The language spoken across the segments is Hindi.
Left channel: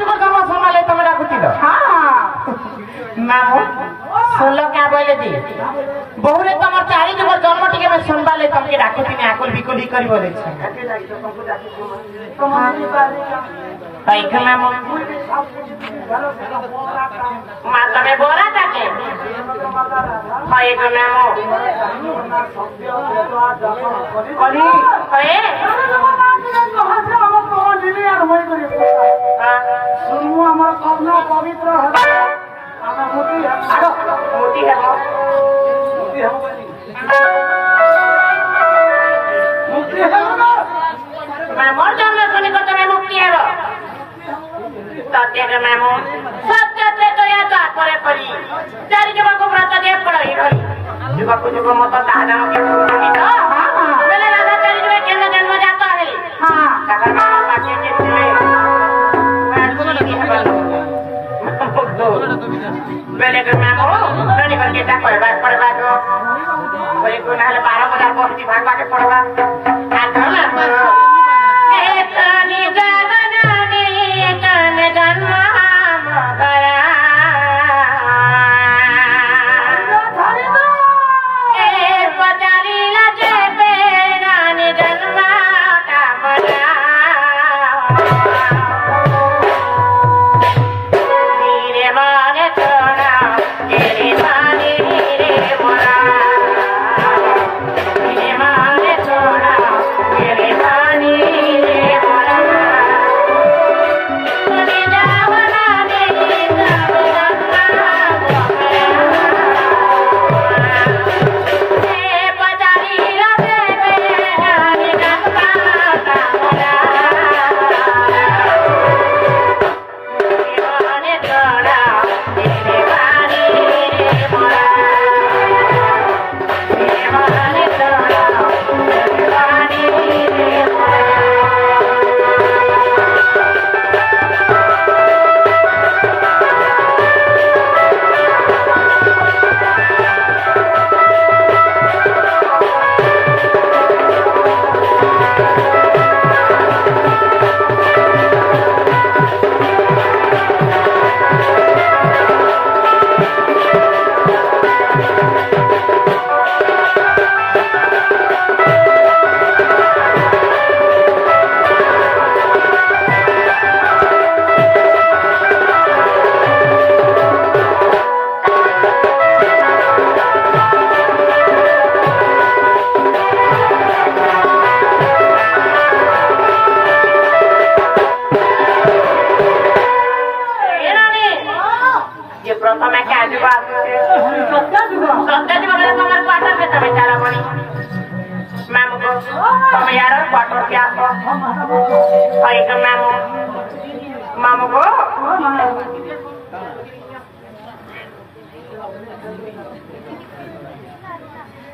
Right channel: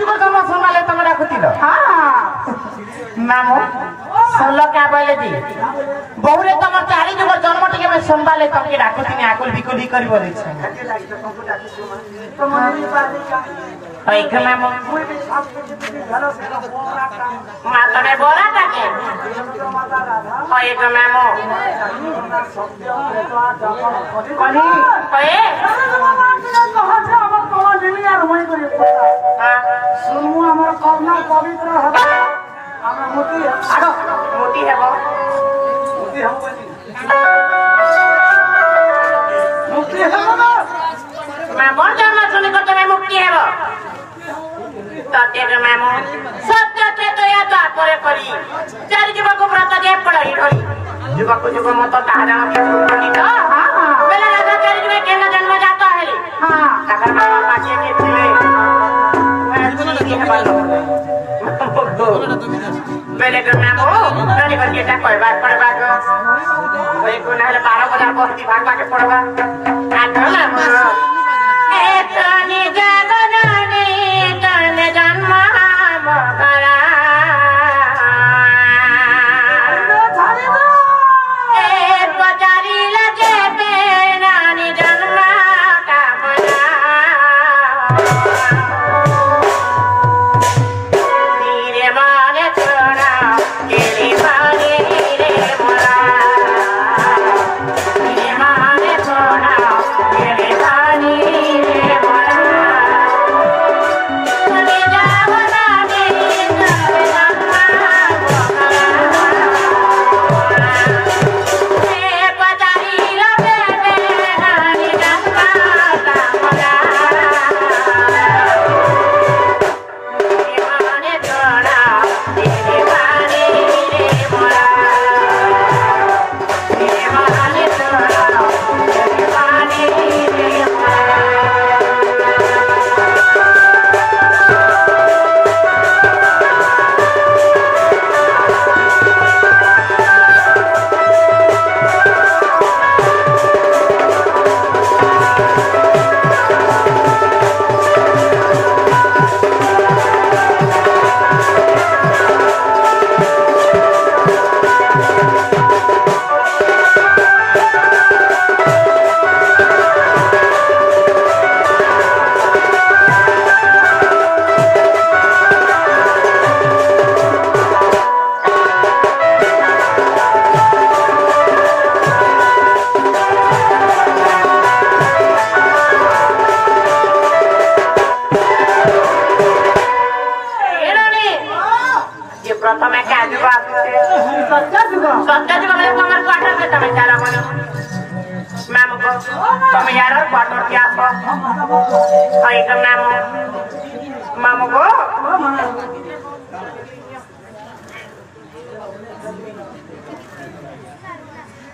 जुग जन्म सम्हाले तम राखुतिल मामो सोलो क्या बोले दी बहुरे तमर चारि जुग जन्म टिके में संभाले तमके राखुतिनी आकुल बिकुली करी बोले छ हाय मामो माता में बोला ताके हाय मामो कनी हाय कहां से हमर कौन दुनिया होई करे सुनमु हमर करुणा पवित्र हो हमर मोती आरो मोती है मोती हम मुक्ति है मामो जन्म सुने को तो मुक्ति है सत्य मामो सत्य के तो या तो करे पड़ी चारि जुग को व्रत दे पड़ी रही जुग को जुग मत ताजा के पड़ी तो हां पहले राजा चारि जुग के जन्म जाता है हां काकर मामा पाछे के चले पहले के मामो रानी बन के कोई बात पर बात कोई को नाले 12,000 बस्ती भागवा के पड़वा काका मामो ए तने जगनाने तने जन्म मगरा ए बजारी लजे पे नाने जन्म कामना नीरे मारे छोड़ा तेरे मारे रे बुना नीरे मारे छोड़ा तेरे मारे रे बुना तने जावना ने तने जन्म मगरा ए बजारी लजे पे नाने जन्म कामना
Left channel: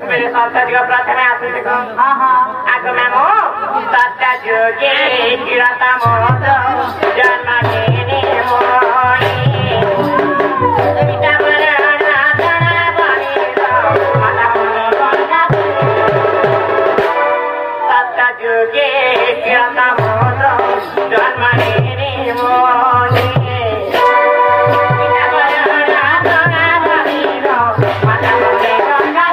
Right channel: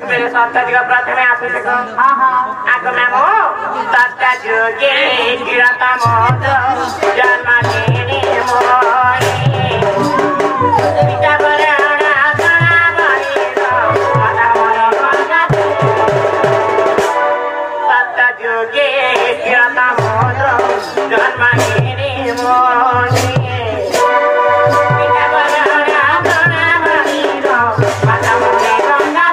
मेरे साथ प्रार्थना आते देखो आगो मामो सत्ता जोगे तिरता मोद जन्म लेने मोरे पिता बराना सना बने तो मन मन बना सत्ता जोगे तिरता मोद जन्म लेने मोरे पिता बराना सना बने तो मन मन बना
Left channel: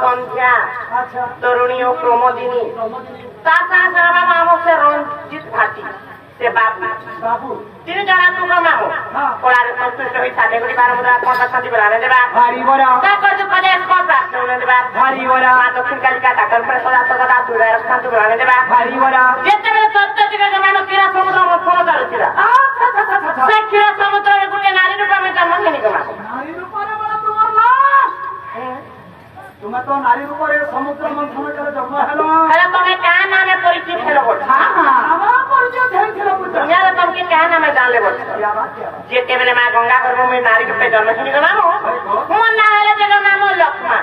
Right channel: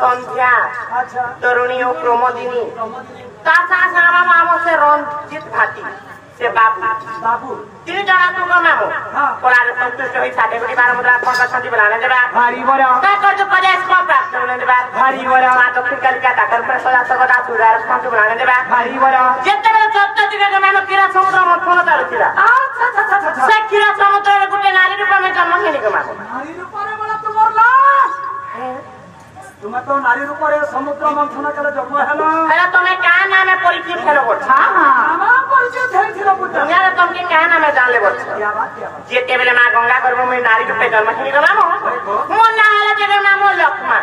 सन्ध्या तरुणी और प्रमोदिनी रंजित घाटी से बाबू तीन जना तू मामो कोलार संतुष्ट होई साडे गुडी 12 मुद्रा 15 संधि बनाने देबा भारी बरा ता कर 50 को प्राप्त होने देबा भारी बरा दक्षिण कालिका टाकर पर सदा सदा सुधार संधि बनाने देबा भारी बरा जेते बेले 14 दिने के नाम किरा समुद्र मथन चालुथिला अच्छा से किरा समुद्र गुटे नारी रूप में जन्म लेनी के माको नारी रूप रे बला तुमर ला तुम तो नारी रूप रे समुद्र मंथन करे जन्म हेलो हेला तमे का नामे परिचय फेलो बोल हां हां परिचय फेल थिलो बुझ यार तुम के का नामे जान ले बोल क्या बात जेते बेले मां गंगा गर्भ में नारी रूप जन्म लेनी के नाम मोन ना हेला जगह नाम लक्ष्मण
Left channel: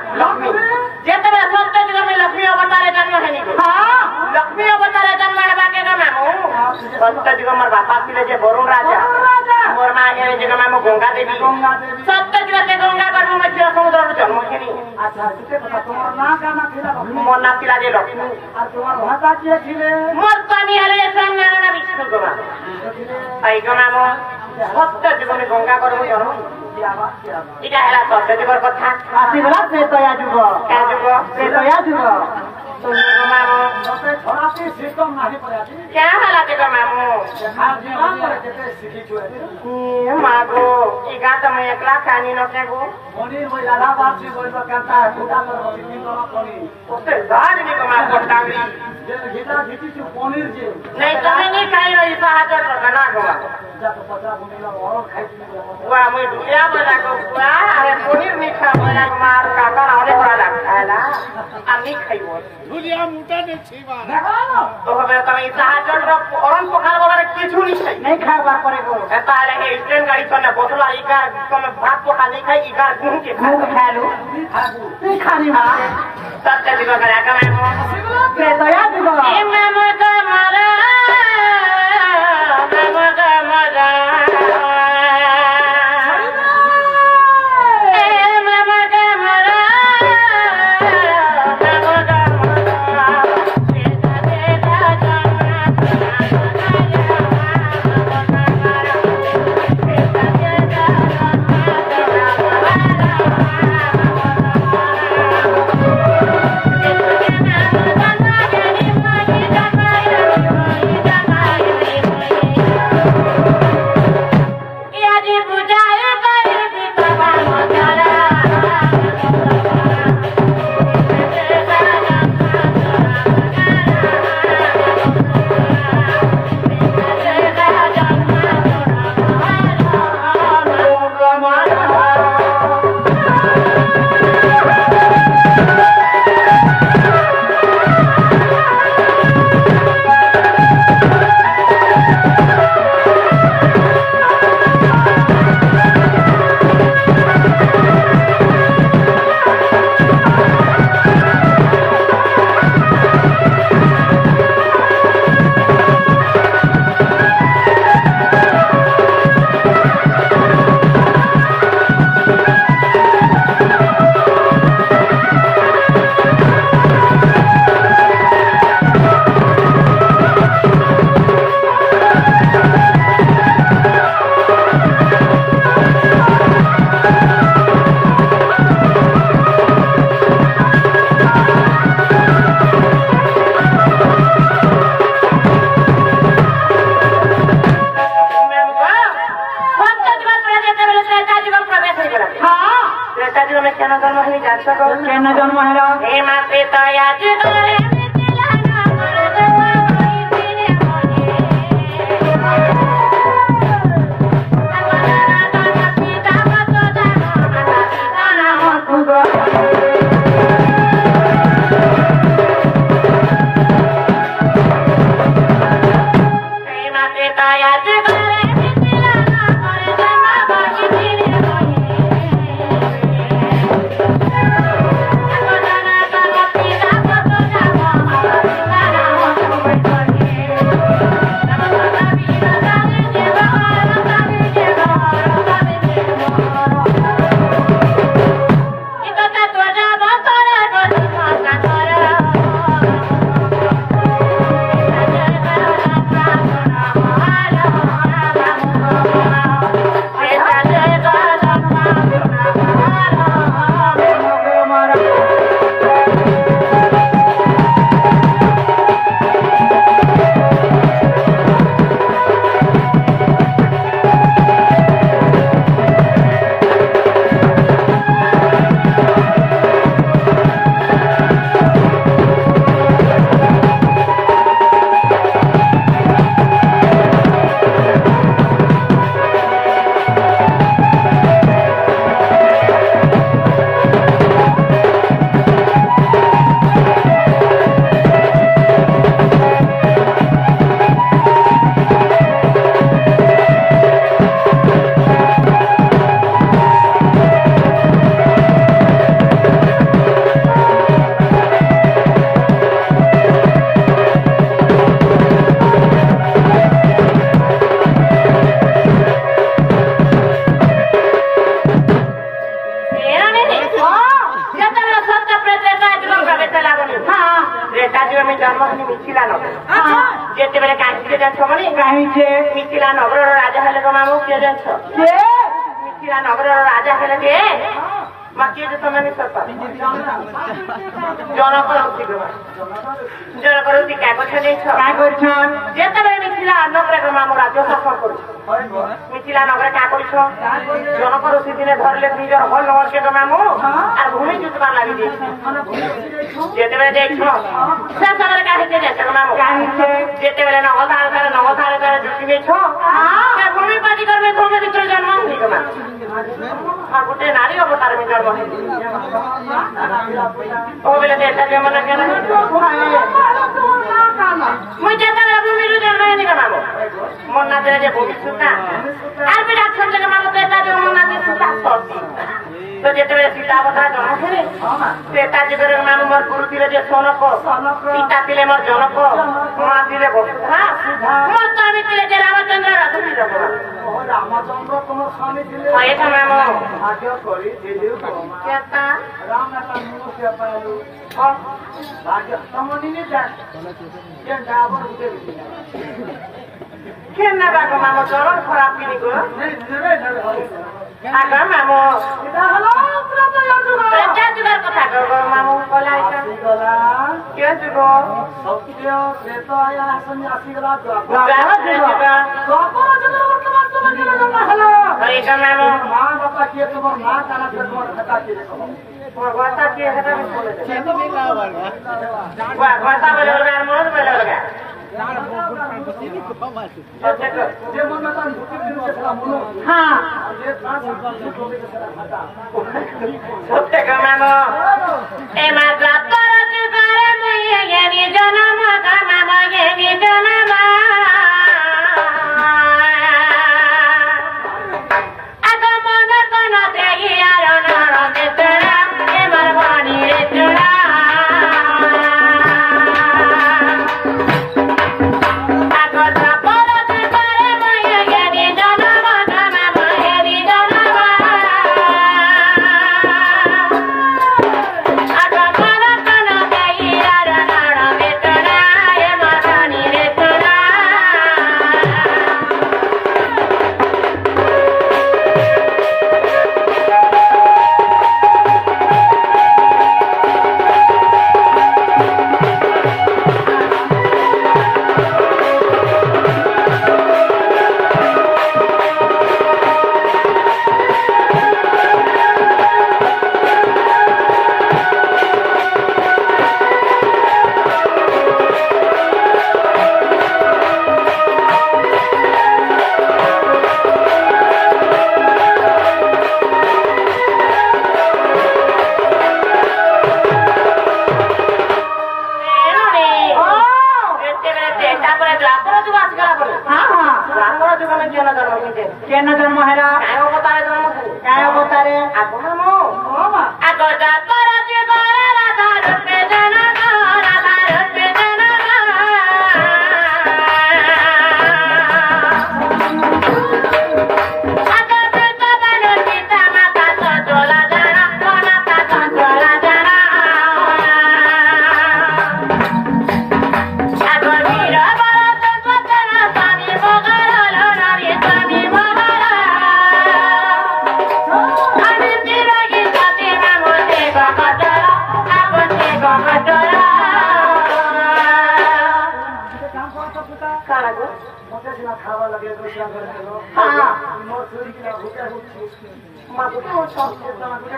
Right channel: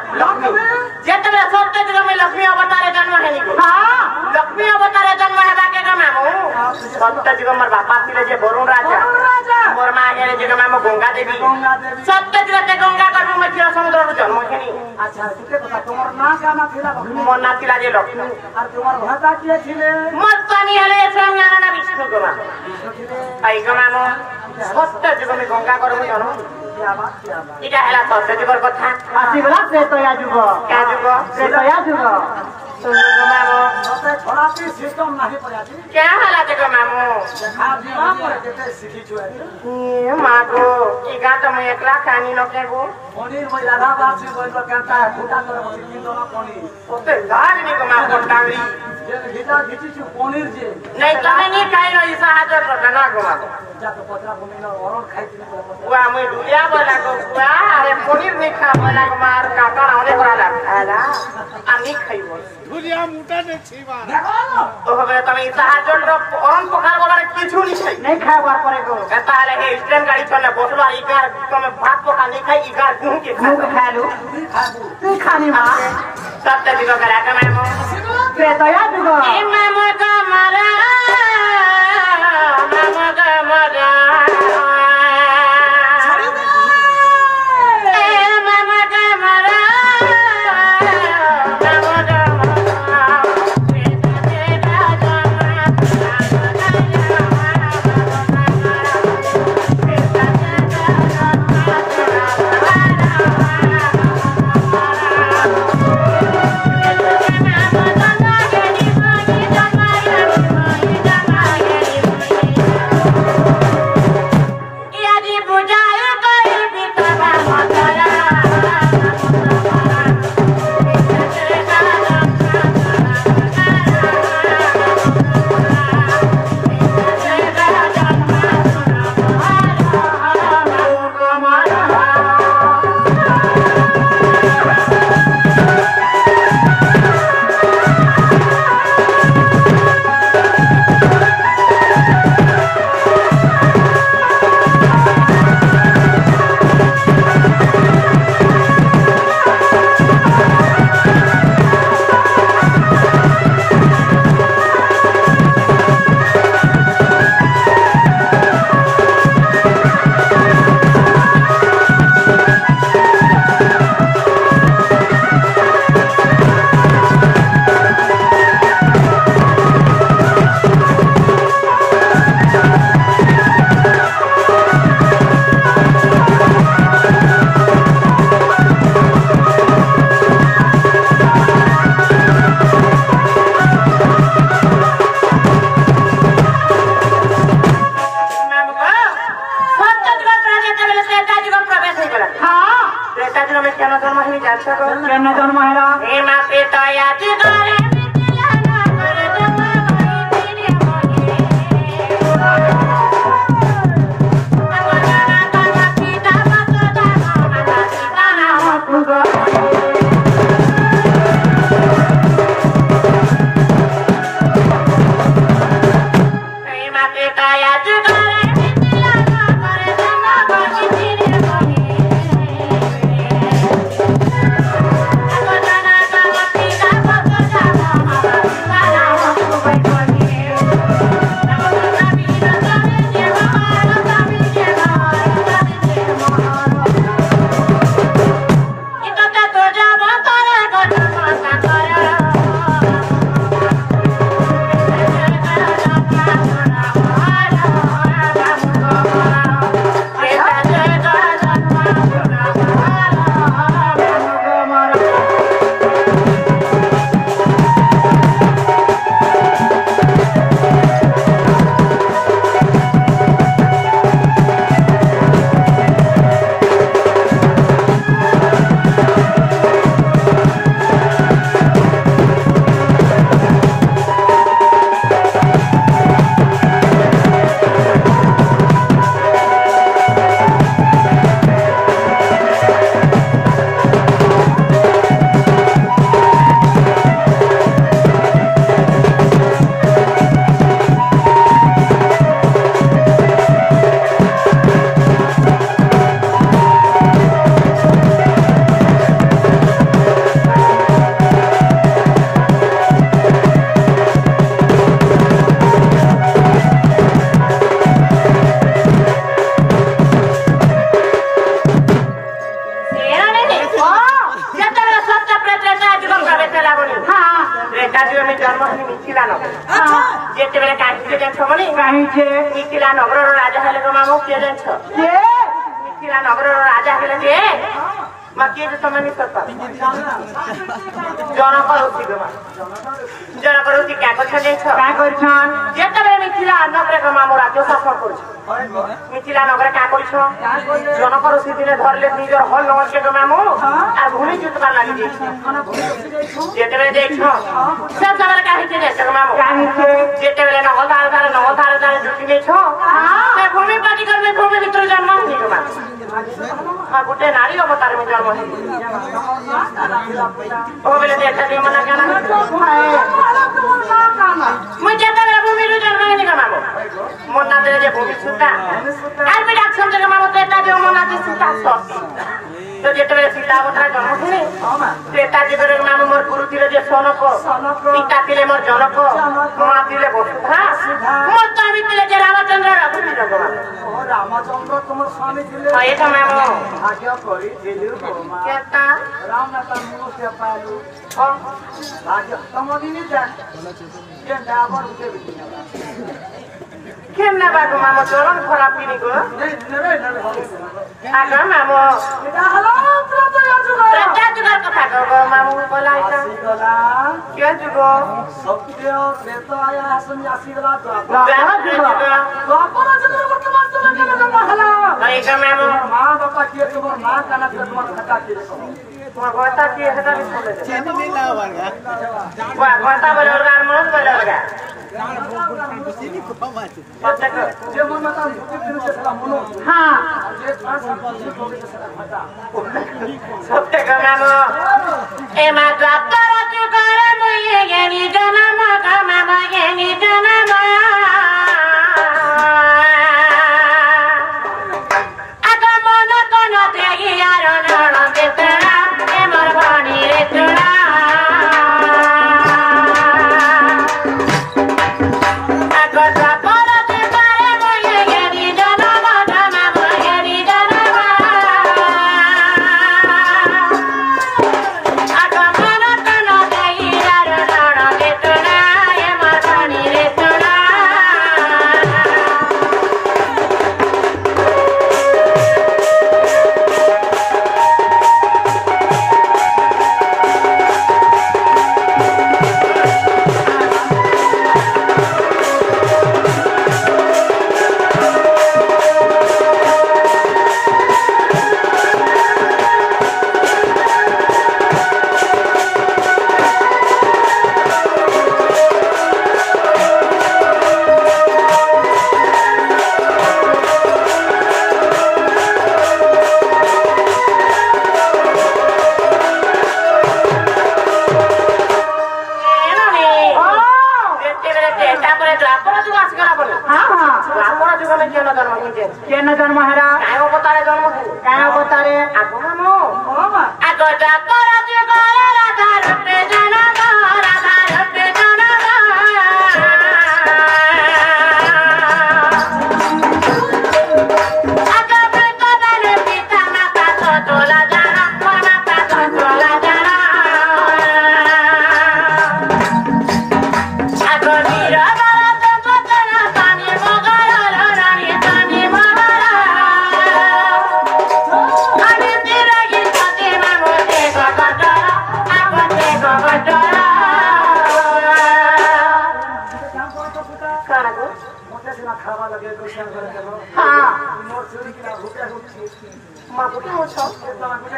जेते बेले सत्य जगह में लक्ष्मी अवतार जन्म लेनी को हां लक्ष्मी अवतार जन्म हेबा के नाम सत्य जगह मोर बापा थिले जे वरुण राजा मोर मां हेले जगह नाम गंगा देवी सत्य जगह ते गंगा गर्भ में थिला समुद्र जन्म लेनी अच्छा तुम्हार ना गाना थिला मोर ना थिला जे लक्ष्मी और तुम्हार भाता किए थिले मोर स्वामी हले नारायण विष्णु गोमा आई गोमा सत्य जीवन गंगा गर्भ जन्म इटा हेला सत्य जीवन कथा आसीगला प्रेतया जुग क्या जुग प्रेतया जुग तो गोमा मते थोड़ासी सिस्टम नाही पड़ाती क्या हला जे मामू देखा जीवा पर केते सिखी छुआ ए मागो ई गाता में एकला कानी न के गो पनीर में इलाहाबाद से बोल कहता है फुटा कर बसी दोना पनीर ओते गाज नी को मार कोटांगरी जे घिटा घिची छु पनीर जे नहीं तने नहीं खाई ई सहाजत रखना गो मागो जा तो पतरा बुनीला और खाई ती बुआ मैं दुनिया वाला को बुआ अरे पनीर नहीं खा वाला को मार काका ना होले करा खाला आ नहीं खाइबो दुनिया मुटा ने छीवा देखो तो हमें तमे सहाजत रो औरन पखाल वाला किछु नहीं खाई नहीं खावा पड़े गो एता लगे स्ट्रेन गाड़ी चले बोतला ई का तमे भात पखा नहीं खाई ई का घूम के खा लो तू खानी मां सब ते दिवा करा का मैं के तया दुगो ए मामा का मारा ଯେତେବେଳେ କାହିଁକି ଜାଣିଛ ବୋଲି କାହିଁକି ମିଥିଳା ନଗରର ରାଜା ହେଲେ ତ ମାମୁଁ କିଏ ଜାଣିଛ ମିଥିଳା ନଗରର ରାଜା ହେଲେ ଯେ ମା କିଏ ଯେ ତମେ ଜଣକ ରହୁଛି କାଁ ଗଛ ଜିନିଷ କାଁ କରୁଛନ୍ ଯେତେବେଳେ ମିଥିଳା ନଗରରେ ମାମୁଁ ରାଜ୍ୟ ଶାସନ କରୁଛ ମିଥିଳା ନଗରେ କାଁ କରୁଛ ଜଣକ ଋଷି ଦିନେ ଧରିଲେ ନିଜର ହଲ ନଗରକେ ମାମୁଁ আর ভূমি চুতবার লাগি দিয়েছে যেতেবেলে দেখছ সে জায়গায় কাহিছে যে মামু যেতেবেলে নগল ধারে ঢুকি নেছ ভূমি পাটি করবে ভূমি ভিতরে জন্ম হয়নি তোমার আর গোটে নারী অবতারে জন্ম হয়নি ও বলে এটা যে মনে কেন মুই যেতেবেলে ভূমির জন্ম হয়নি মামু মন না দিলে যে ভূমি সুতা আর বি ডাকছেন যে মামু তো এটা যে মন না দিয়ে সুতা তো যেতেবেলে সীতা অবতার জন্ম শুনে সেটা জীবনের নাম মোর গুরু ଥିଲେ যে সনক পিতা ଥିଲେ মোর জনক মা ଥିଲେ বসুধা মোর স্বামী ଥିଲେ যে রামচন্দ্র রাঘুনি জগন্নাথ রামচন্দ্র তোমার স্বামী ଥିଲେ এটা মামু আগে করি দিলু কেতা রাম না তার মুখ সে পালু ও রাজা তোমানি নি দেখ কে ডাবর দিতে কেন না বাবা মামু চরণ খারাপ কিনি গো আগা মামু এটা হলো তোরা তো যুগ এটা যুগের কথা গো মামু বলাই তা কে যুগ সত্য প্রেত আয়া সন্ন্যাসী গলা যাও যুগ দ্বাপর যুগের বর্তমান তোমার কেন জন্ম হলো এটা মামু মা বাবা কি তোমার মা কানা তোমার কথা কি তোমার কথা কি এটা শুনে কথা বলে ওর মন করে লাগা যে মনে তার মুখে দিতে সারা মনো হ্যাঁ যে তার সাথে কোকে সারা মাতা সত্যি মামু এ মা দ্বাপর যুগের মুই জ্ঞানী জনম মামু জ্ঞানী জনম আগমন কোন ত্যাগী আর নরকে তোরা এমর ভানি রে তোরা কেন জন্ম হারা কায় অবতারে জন্ম কায় অবতারে আগো মামু আগো দ্বাপর যুগের রাধা রূপে জনম রাধা রূপে জনম আগো বেদন পিতা মাতা তোলা জানা মাতা তোলা জানা আগো নীরব খাবার লাগে মোর চুরি কিনা ভুকিয়া হচ্ছে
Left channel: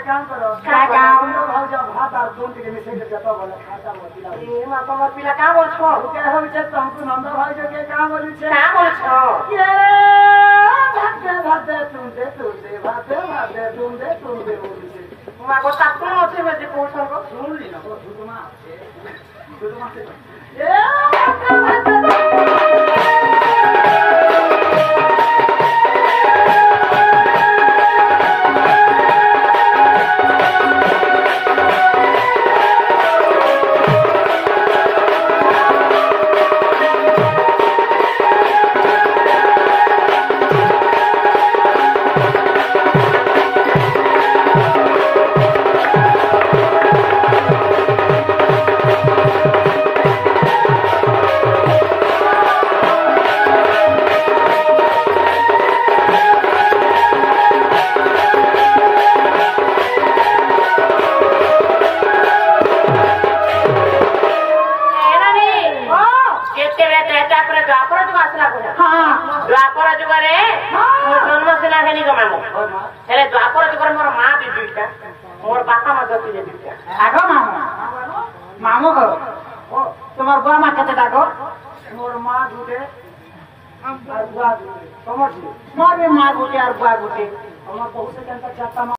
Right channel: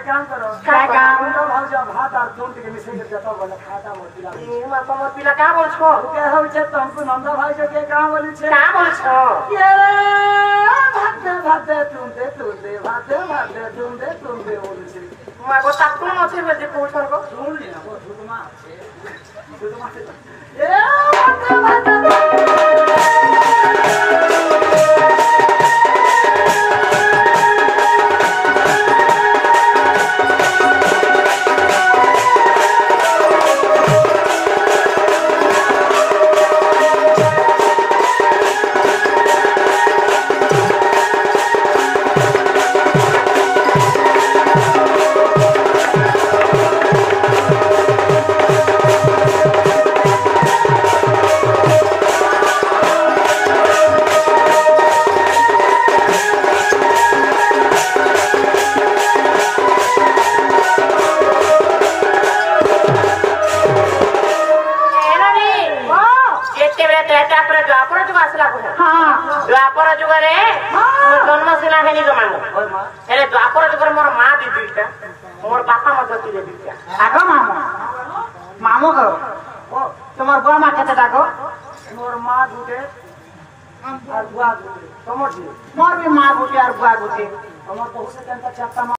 কাম করো ভাত আর দুধ থেকে মিশে যেত বলে খাতা মতিলা মা তোমার পিলা কা বলছো ভুকিয়া হচ্ছে তোমাকে নন্দ ভাই যে কা বলিছে কা বলছো ভাতে তুলতে তুলতে ভাতে তুলতে বলছে মা গো তাকুন আছে মেদি পৌঁছার গো শুনলি না দুধমা আছে দুধমা द्वापर जुगरे जन्म सिना खेनी मामू हेले द्वापर जुगरे मोर माँ भी दुईटा मोर बापा मत थे दुईटा आगो मामू मामू को तुम्हार बुआ माँ केते डाको मोर माँ गुटे और बुआ गुटे तुम मोर भी माँ गुटे और बुआ गुटे তোমার বহু সেখানকার চারটা